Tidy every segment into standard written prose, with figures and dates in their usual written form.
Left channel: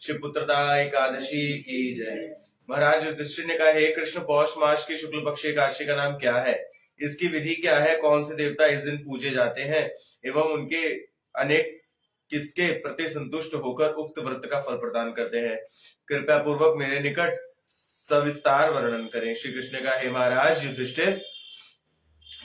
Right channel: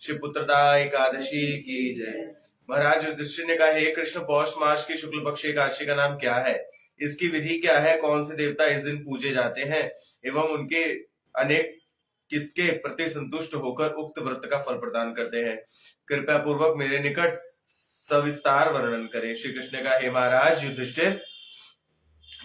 श्री पुत्रदा एकादशी की जय। महाराज युधिष्ठिर ने कहा, हे कृष्ण, पौष मास की शुक्ल पक्ष एकादशी का नाम क्या है? इसकी विधि क्या है? कौन से देवता इस दिन पूजे जाते हैं एवं उनके अनेक किसके प्रति संतुष्ट होकर उक्त व्रत का फल प्रदान करते हैं? कृपया पूर्वक मेरे निकट सविस्तार वर्णन करें। श्री कृष्ण ने कहा, हे महाराज युधिष्ठिर,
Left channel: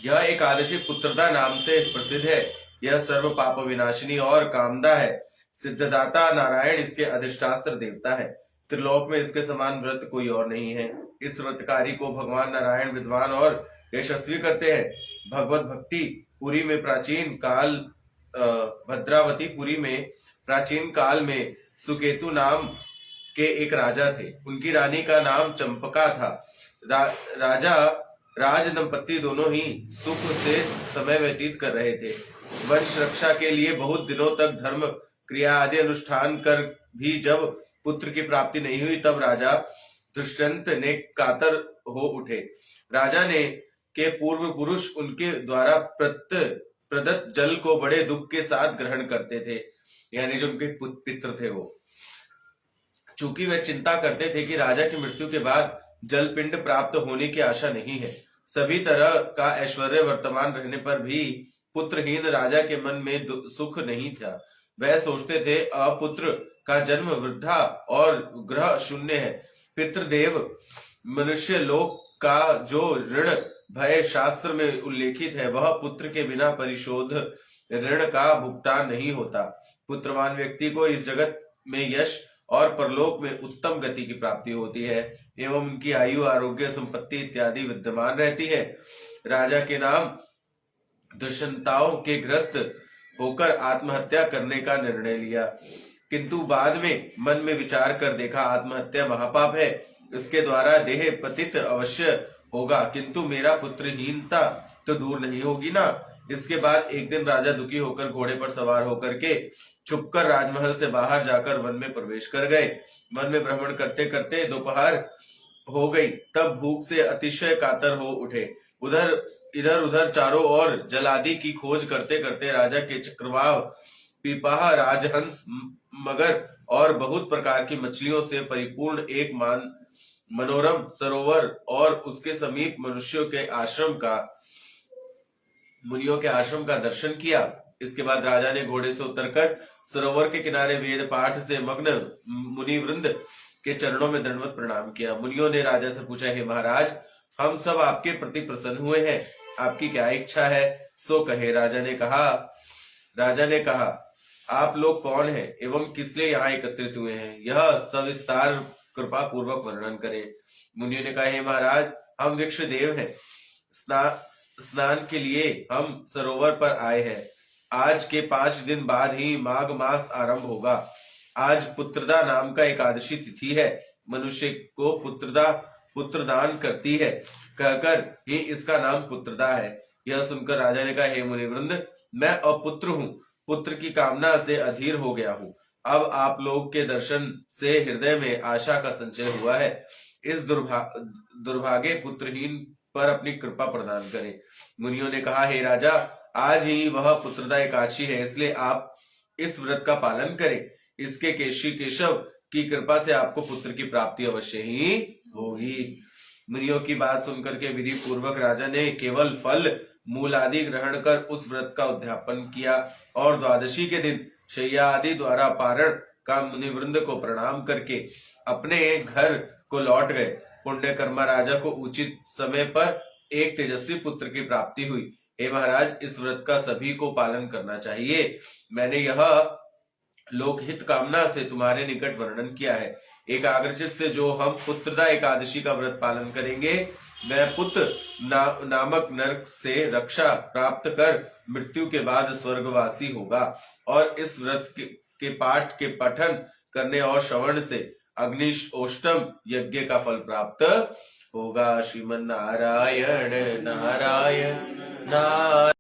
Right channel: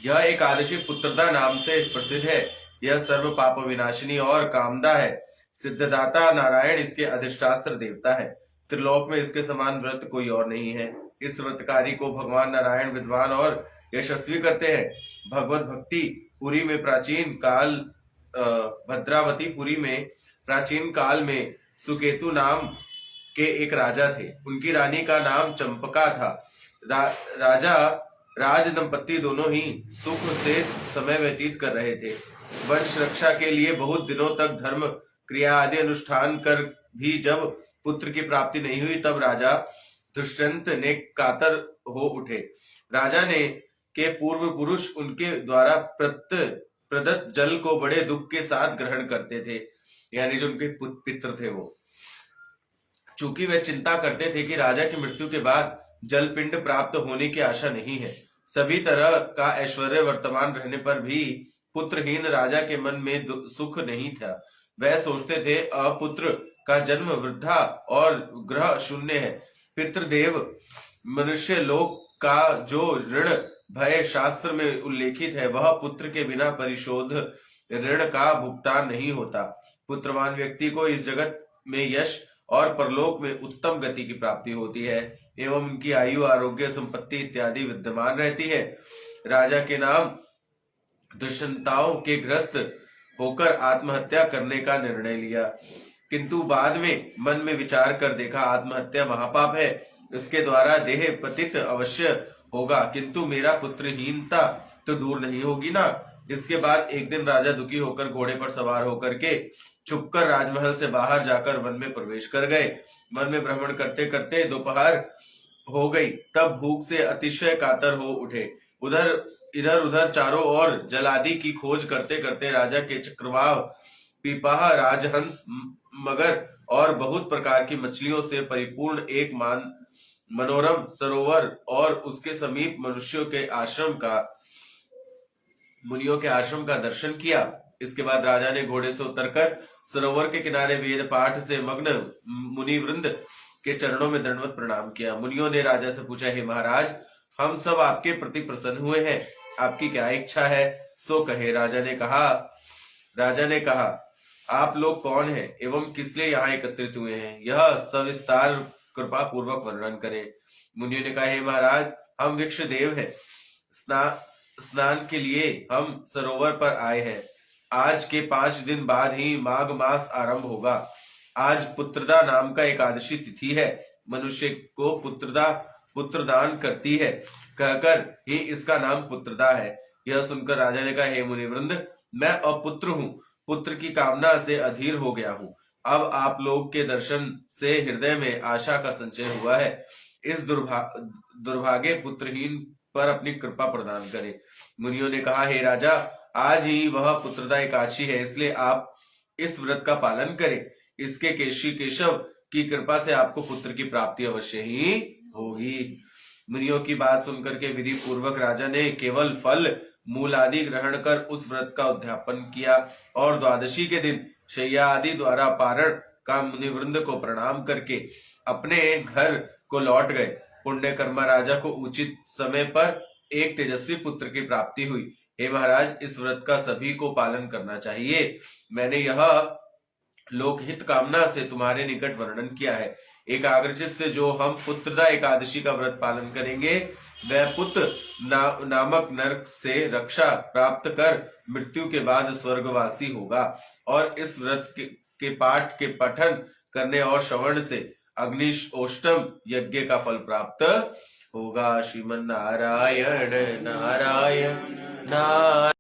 यह एकादशी पुत्रदा नाम से प्रसिद्ध है। यह सर्व पाप विनाशिनी और कामदा है। सिद्धदाता नारायण इसके अधिष्ठात्र देवता है। त्रिलोक में इसके समान व्रत कोई और नहीं है। इस व्रतकारी को भगवान नारायण विद्वान और यशस्वी करते हैं। भगवत भक्ति पुरी में प्राचीन काल भद्रावतीपुरी में प्राचीन काल में सुकेतु नाम के एक राजा थे। उनकी रानी का नाम चंपका था। राजा राज दंपति दोनों ही सुख से समय व्यतीत कर रहे थे। वंश रक्षा के लिए बहुत दिनों तक धर्म क्रिया आदि अनुष्ठान कर भी जब पुत्र की प्राप्ति नहीं हुई, तब राजा दुष्यंत ने कातर हो उठे। राजा ने के पूर्व पुरुष उनके द्वारा प्रदत्त जल को बड़े दुख के साथ ग्रहण करते थे, यानी जो उनके पितृ थे वो। चूंकि वे चिंता करते थे कि राजा की मृत्यु के बाद जल पिंड प्राप्त होने की आशा नहीं है। सभी तरह का ऐश्वर्य वर्तमान रहने पर भी पुत्रहीन राजा के मन में सुख नहीं था। वह सोचते थे, अपुत्र का जन्म वृद्धा और ग्रह शून्य है। पितृदेव मनुष्य लोक का जो ऋण भय शास्त्र में उल्लेखित है, वह पुत्र के बिना परिशोध ऋण का भुगतान नहीं होता। पुत्रवान व्यक्ति को इस जगत में यश और परलोक में उत्तम गति की प्राप्ति होती है एवं उनकी आयु, आरोग्य, संपत्ति इत्यादि विद्यमान रहती है। राजा के नाम दुष्यंताओं के ग्रस्त होकर आत्महत्या करने का निर्णय लिया, किंतु बाद में मन में विचार कर देखा, आत्महत्या महापाप है। इसके द्वारा देह पतित अवश्य होगा, किंतु मेरा पुत्रहीनता तो दूर नहीं होगी ना। इसके बाद एक दिन राजा दुखी होकर घोड़े पर सवार होकर के छुपकर राजमहल से बाहर जाकर वन में प्रवेश कर गए। वन में भ्रमण करते करते दोपहर हो गई, तब भूख से अतिशय कातर हो उठे। इधर उधर चारों ओर जलादि की खोज करते करते राजा के चक्रवाह, पीपाहा, राजहंस, मगर और बहुत प्रकार की मछलियों से परिपूर्ण एक मनोरम सरोवर और उसके समीप मुनियों के आश्रम का दर्शन किया। इसके बाद राजा ने घोड़े से उतरकर सरोवर के किनारे वेद पाठ से मग्न मुनि वृंद के चरणों में दंडवत प्रणाम किया। मुनियों ने राजा से पूछा, हे महाराज, हम सब आपके प्रति प्रसन्न हुए हैं, आपकी क्या इच्छा है सो कहे। राजा ने कहा, आप लोग कौन हैं एवं किस लिए यहाँ एकत्रित हुए हैं, यह सविस्तार कृपा पूर्वक वर्णन करें। मुनियों ने कहा, हे महाराज, हम वृक्ष देव हैं। स्नान के लिए हम सरोवर पर आए हैं। आज के 5 दिन बाद ही माघ मास आरंभ होगा। आज पुत्रदा नाम का एकादशी तिथि है। मनुष्य को पुत्रदान करती है, कहकर ही इसका नाम पुत्रदा है। यह सुनकर राजा ने कहा, हे मुनिवृंद, मैं अपुत्र हूँ, पुत्र की कामना से अधीर हो गया हूँ। अब आप लोग के दर्शन से हृदय में आशा का संचय हुआ है। इस दुर्भाग्य पुत्रहीन पर अपनी कृपा प्रदान करें। मुनियों ने कहा, हे राजा, आज ही वह पुत्रदा एकादशी है, इसलिए आप इस व्रत का पालन करें। इसके केशव की कृपा से आपको पुत्र की प्राप्ति अवश्य ही होगी। मुनियों की बात सुनकर के विधि पूर्वक राजा ने केवल फल मूल आदि ग्रहण कर उस व्रत का उद्यापन किया और द्वादशी के दिन शैया आदि द्वारा पारण का मुनिवृंद को प्रणाम करके अपने घर को लौट गए। पुण्य कर्मा राजा को उचित समय पर एक तेजस्वी पुत्र की प्राप्ति हुई। हे महाराज, इस व्रत का सभी को पालन करना चाहिए। मैंने यह लोकहित कामना से तुम्हारे निकट वर्णन किया है। एकाग्रचित से जो हम पुत्रदा एकादशी का व्रत पालन करेंगे, वह पुत्र नामक नरक से रक्षा प्राप्त कर मृत्यु के बाद स्वर्गवासी होगा। और इस व्रत के पाठ के पठन करने और श्रवण से अग्निष्टोष्टम यज्ञ का फल प्राप्त होगा। श्रीमन नारायण नारायण नारायण।